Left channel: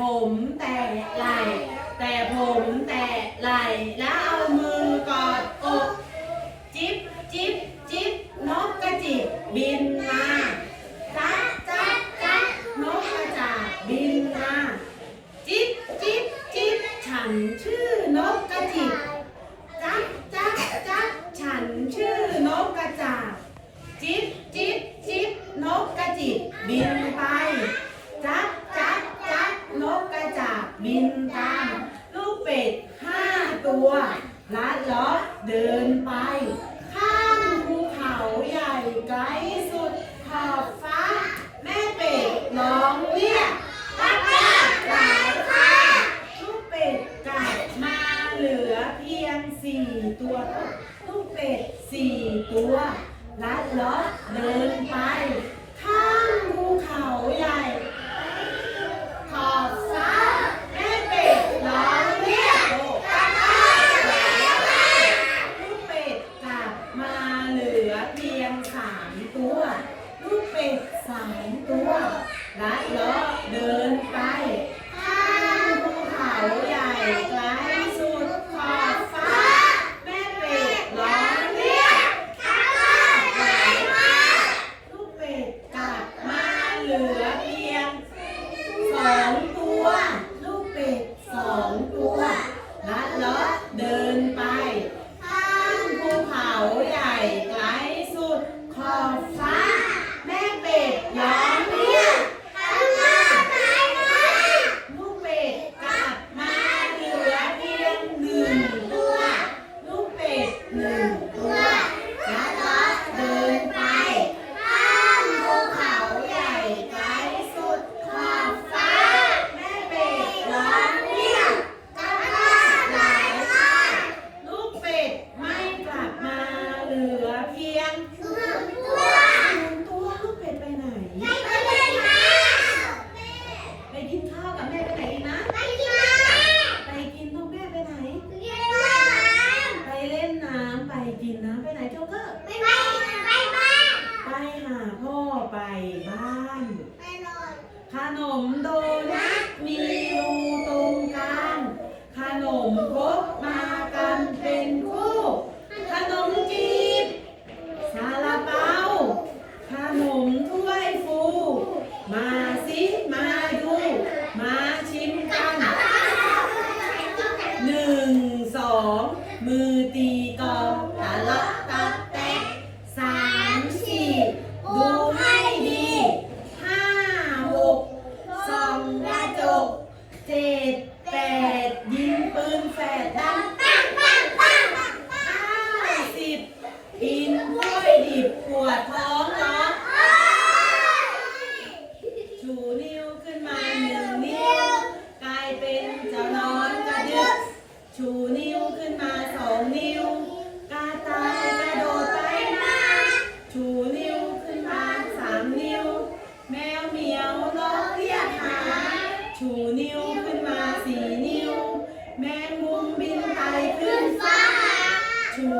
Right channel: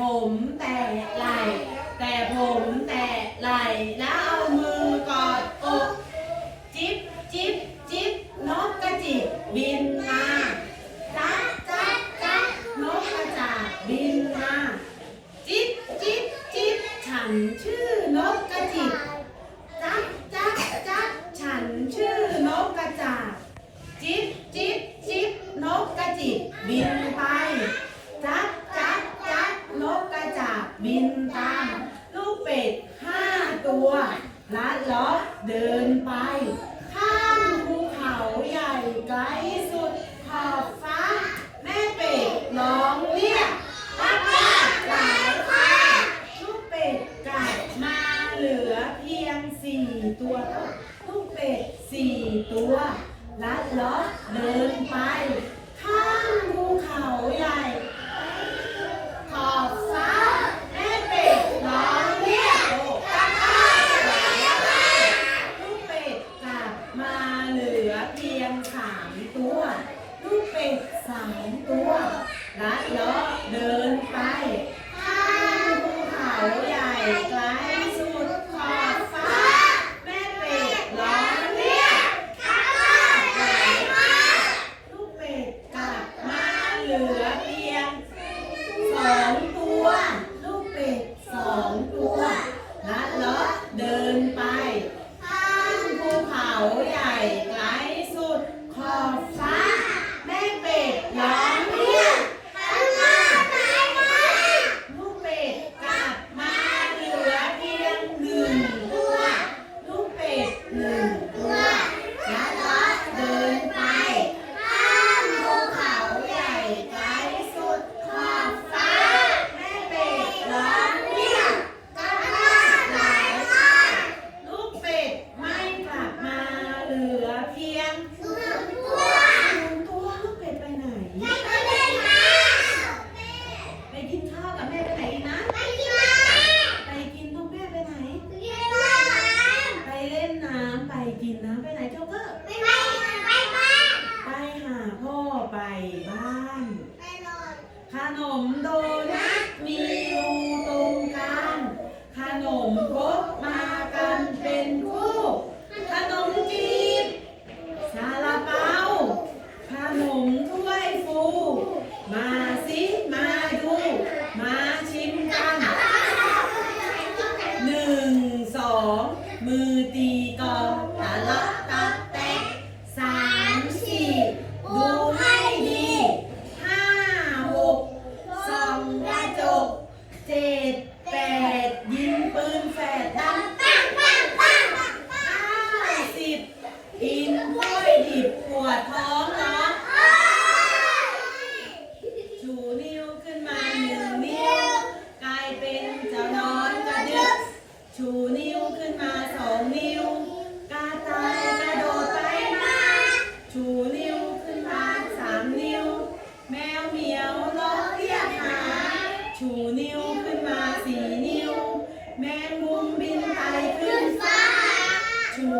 ผมแตะไหลแต่ผมแตะไหลแล้วเอามือกอดอกจิ๊บจิ๊บจิ๊บนกกระจิบบินมาจ๊ะจ๊ะจ๊ะนกกระจาบบินมาจิ๊บจิ๊บจิ๊บฉันชื่อนกกระจิบจ๊ะจ๊ะจ๊ะฉันชื่อนกกระจาบ จิ๊บจิ๊บจิ๊บนกกระจิบบินไป จักจักจักนกกระจา บินตามลูกเป็ดห้าตัวลัดล้อเดินไป ข้ามภูเขาใหญ่ไกลสุดขอบฟ้า แม่เป็ดร้องเรียกรักแม่หลายค่ะลูกเป็ดกลับมาเหลือเพียงสี่ตัวลูกเป็ดสี่ตัวลัดล้อเดินไป ข้ามภูเขาใหญ่ ขอบฟ้าแม่เป็ดร้องเรียกก้าก้าลูกเป็ดกลับมาเหลือเพียงสามตัว ลูกเป็ด สามตัวลัดล้อเดินไป ข้ามภูเขาใหญ่ไกลสุดขอบฟ้า แม่เป็ดร้องเรียกก้าก้าไหลมาลูกเป็ดกลับมาเหลือเพียง สองตัว ลูกเป็ดสองตัวลัดเลาะเดินไปข้ามภูเขาใหญ่ไกลสุดขอบฟ้า แม่เป็ดร้องเรียกข้างหน้าไหนมาลูกเป็ดกลับมาเหลือเพียงหนึ่งตัว ลูกเป็ดหนึ่งตัวลัดเลาะเดินไป ข้ามภูเขาใหญ่ไกลสุดขอบฟ้า แม่เป็ดร้องเรียกจ้าจ้าไหลมาลูกเป็ดไม่กลับมาเหลือเพียงหนึ่งตัวหนึ่งตัวลูกเป็ดไปไหน ไปกินข้าวกับแม่ไปไหนอีกนะ ไปกินต้องแม่ไปไหน ไปเล่นน้ำไปกินน้ำไปไหนเจ้าเกอร์ไปหาพ่อไปบ้าน ขนมโดนัทมีรูตรงกลางขน มครกมา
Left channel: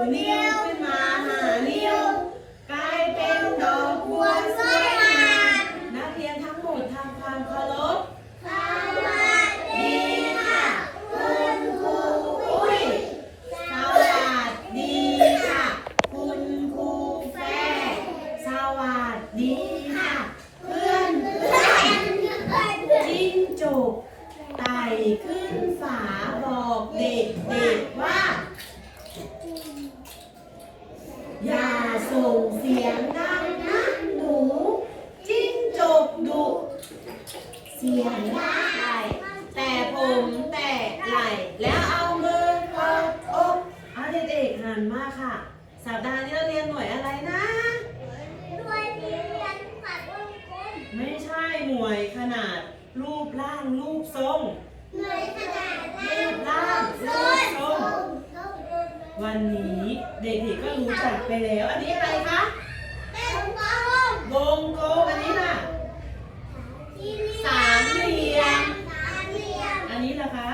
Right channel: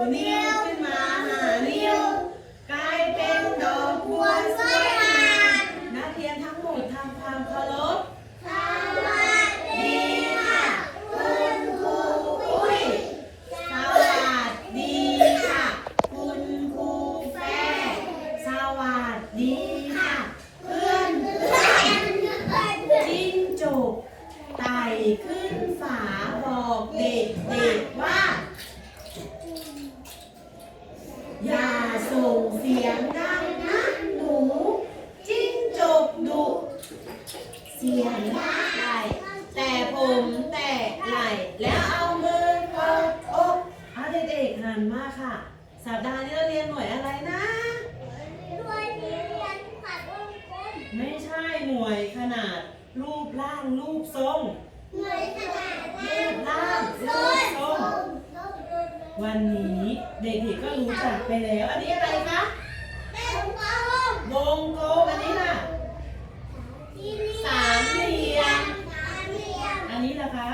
ชูนิ้วขึ้นมาห้านิ้ว กลายเป็นดอกบัวสวยงามนักเรียนทั้งหมดทำความเคารพ ดีค่ะคุณครูอุ้ยสวัสดีค่ะ คุณครูแฟร์สวัสดีค่ะ เพื่อนเพื่อนจิ้งจกไต่ขึ้นฝาบอกเด็กเด็กๆว่า อย่าส่งเสียงดังนะหนู จิ้งจกดุ เสียงได้ แต่ผมแต่ไหลแล้วเอามือกดอกเอาเด็กๆหันมาค่ะ สัปดาห์นี้เราเรียนหน่วยอะไรนะหน่วยเรียนขนาดวงกลมไม่ใช่หน่วยขนาดรูปร่างรูปทรง หน่วยขนาดรูปร่างรูปทรงวันนี้เด็กๆก็รู้จักไปแล้ว อันนี้อะไรคะวงกลมอันนี้ล่ะ นะคะ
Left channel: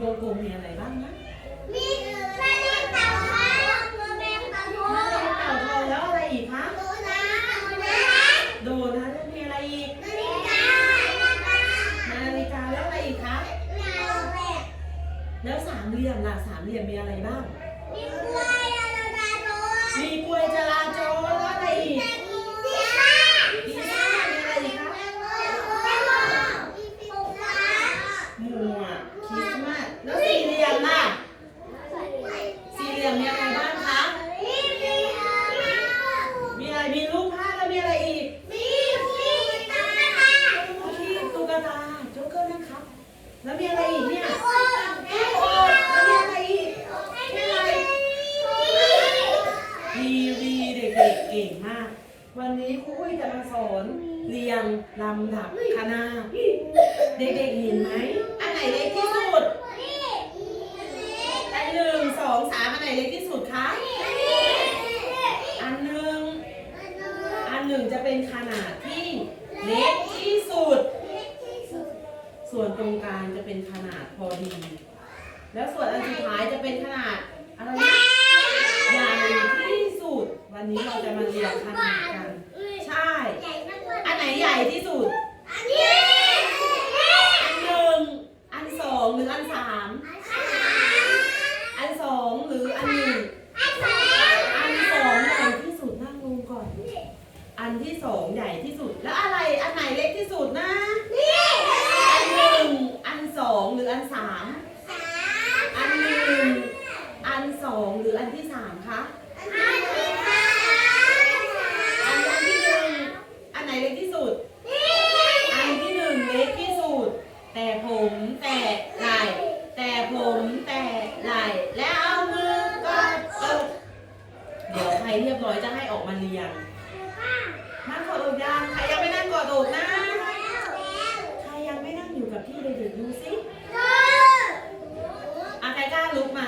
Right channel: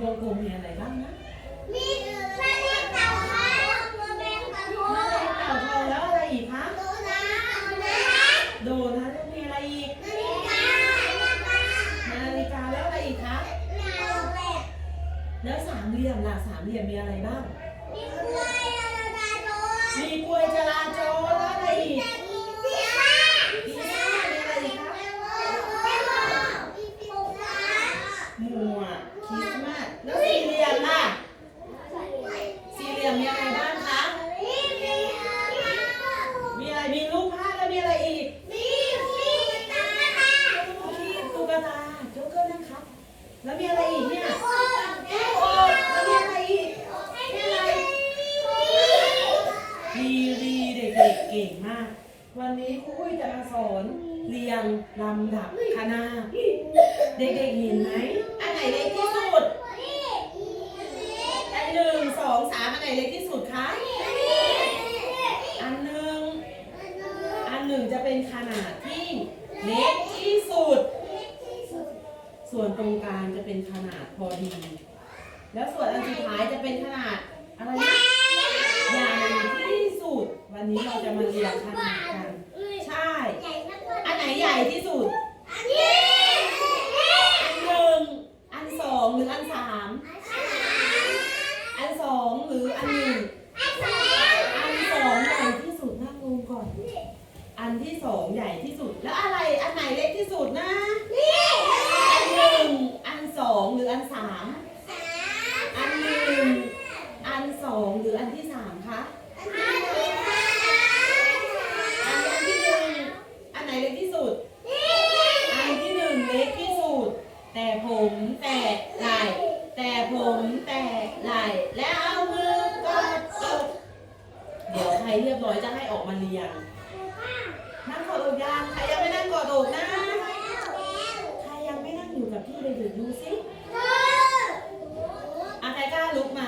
วงกลมมีอะไรบ้างนะมีแเล็กต่าทองแม่เล็งเต่าทองแล้วอะไรอีกคะโดนัทโดนัทโดนัมีอะไรอีกนาฬิกานาฬิกานาฬิกาแล้วอะไรอีกคะนาฬิกาแล้วสามเหลี่ยมล่ะสามเหลี่ยมมีอะไรบ้างมีกล้วยจราจรมีกล้วยจราจร ลำดับคณะเด็กๆเห็นไหม อันไหนเล็กที่สุดอันหนึ่งสองสามอันไหนเล็กที่สุดคะ อันหนึ่ง อันหนึ่งจะเป็นขนาดที่เล็กที่สุด ส่วนตรงกลางจะเป็นขนาดพอดี แล้วส่วนอันสุดท้ายจะเป็นขนาดอะไรนะใหญ่ที่สุด วันนี้เราจะมาเรียงขนาดกัน ใช่อันไหน ใหญ่ที่สุดอันหนึ่ง อันสองหรืออันสาม อันสองหรืออันหนึ่ง อันสองใหญ่ที่สุดนั่งลงก่อน อันที่สองใหญ่ที่สุด แล้วอะไร อันไหนเล็กที่สุดนะ อันหนึ่ง อันสองหรืออันสาม อันหนึ่ง อันสองหรืออันที่สามคะ อันอันที่หนึ่ง อันไหนเล็กที่สุด อันที่หนึ่งเล็กที่สุด แต่ผมแตะไหล่แต่ผมแตะไหล่แล้วเอามือกอดอกเดี๋ยวใครเรียบร้อยจะให้ออกมาเรียงนั่งกอดอกยังใครยังไม่นั่ง กอดอกนะ ใครยังไม่นั่งอยู่กับที่เด็กๆดูสิอาใครกล้าลุกมา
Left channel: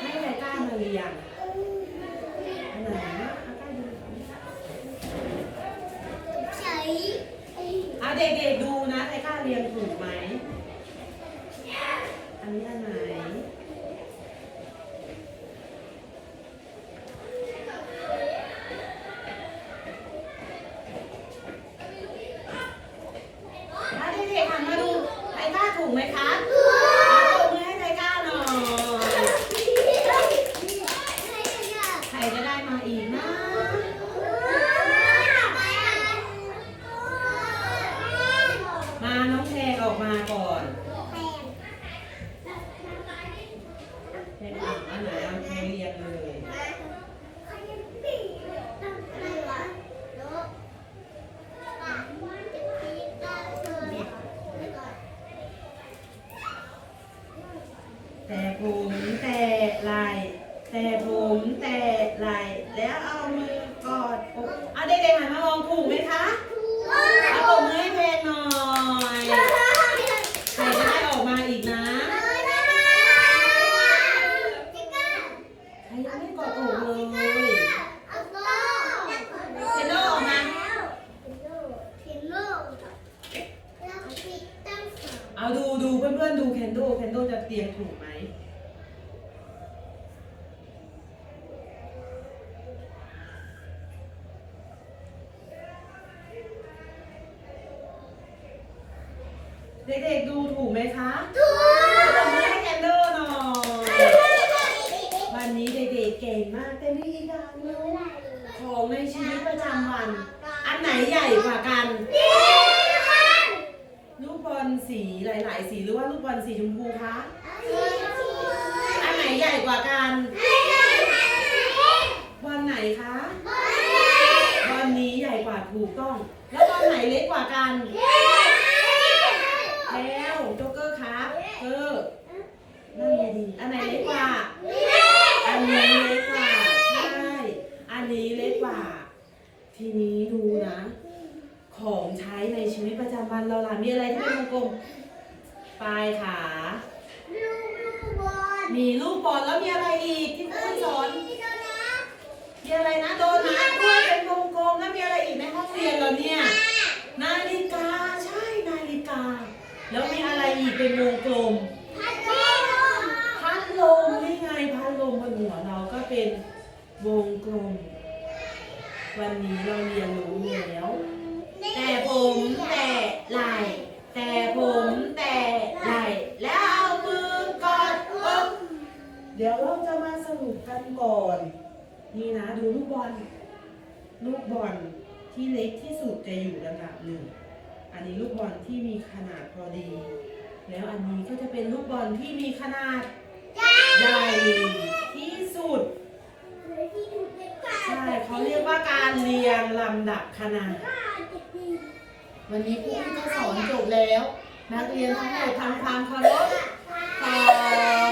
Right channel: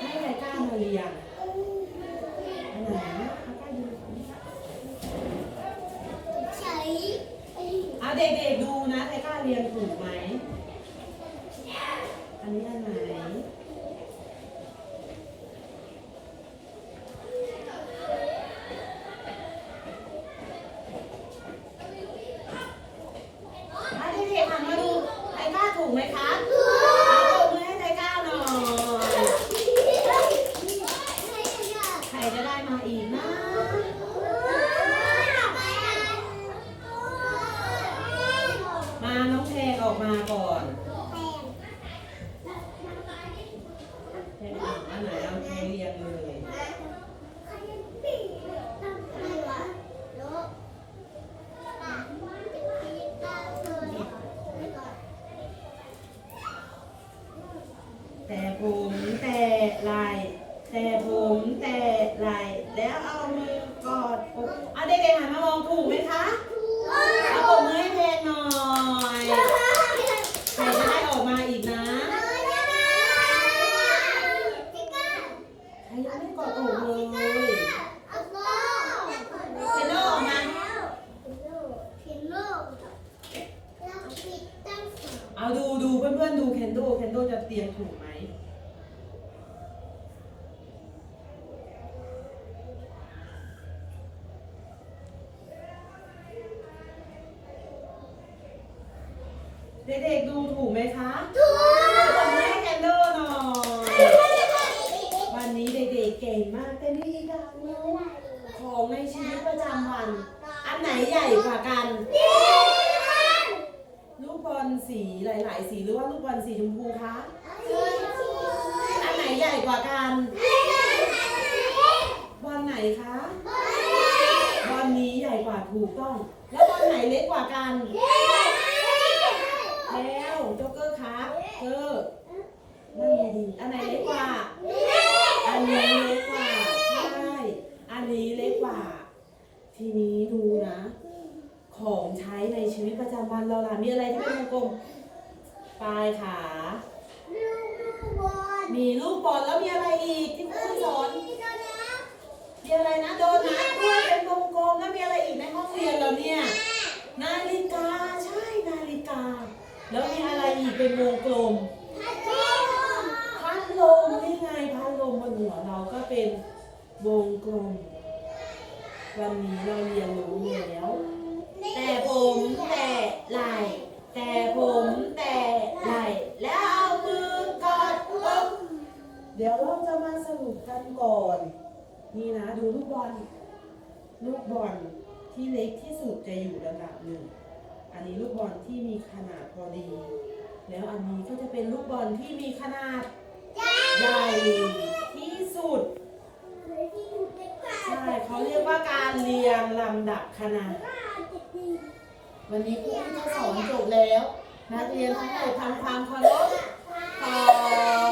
ให้ใครกล้ามาเรียงอันไหนนะใครกล้าดูอะเด็กๆดูนะใครกล้าเรียงถูกไหมอันนี้อันไหน ถ้าเด็กๆหันมาดูไทก้าถูกไหมคะตบมือให้ไทก้าหน่อย ใค อีกนะ มาน้องแพรออกมาก่อนแพรอ่านอันไหนเอาแพรเรียงเลย แต่ผมแต่ไหลแต่ผมแต่ไหลแล้วเอามือกอดอกอะเด็กๆหันมามองถูกไหมคะเอาตบมือให้แพรหน่อยใครจะได้ออกมาอีกนะใครยังไม่กอดอกเลยเซนโดออกมา เอาดูดูเพื่อนๆดูเคนโดเคนโดจะเตรียมถูกไหม เด็กๆดูถูกไหมคะตบมือให้เคนโดหน่อยวันนี้เด็กๆเก่งมากแต่มีอีกอย่างหนึงของในชีวิตประจำวัน อันไหนใหญ่กว่ากันลูกบอลสีหลายๆ สีหรือว่าลูกบอลสีชมพูคะอันไหนใหญ่กว่ากันบอลไหนคะบอลนี้ใหญ่กว่าถูกต้อง แล้วบอลไหนเล็กกว่ากัน แล้วโจ๊กเกอร์ เกอนั่นไงดีอันไหนเล็กกว่า อันนี้เล็กกว่า ใช่ อันนี้เล็กกว่า ทีนี้ดูนะ ของใช้ในชีวิตประจำวันเราล่ะ มีอะไรที่เป็นวงกลมปลายขา มีลูกบอลแล้วมีอะไรอีกที่คุณสอนมีอะไรนะโดนัทด้วยเป็นวงกลมแล้วมีอะไรอีกในห้องเรียนเราเนี่ย นาฬิกา ใช่ นาฬิกา แล้วมีอะไรอีกเป็นวงกลม พัดลมนี่ไงพัดลมบนหัวเราก็เป็นวงกลม วันนี้เราเรียนรู้แล้ว แต่ผมแต่ไหลแต่ผมแต่ไหลแล้วเอามือกอดอกันก่อน นี่นะดูลูกบอล ลูกบอลที่เล็กที่สุดจะอยู่ลำดับหนึ่ง อันนี้ลูกบอลที่มีขนาดพอดี แล้วอันนี้ก็จะเป็นลูกบอลที่มีขนาดใหญ่ที่สุด ใช่เขาเรียกว่าการเรียงลำดับขนาด วันนี้ครูก็สอนจบแล้ว นักเรียนทั้งหมดทำความเคารพขอบคุณ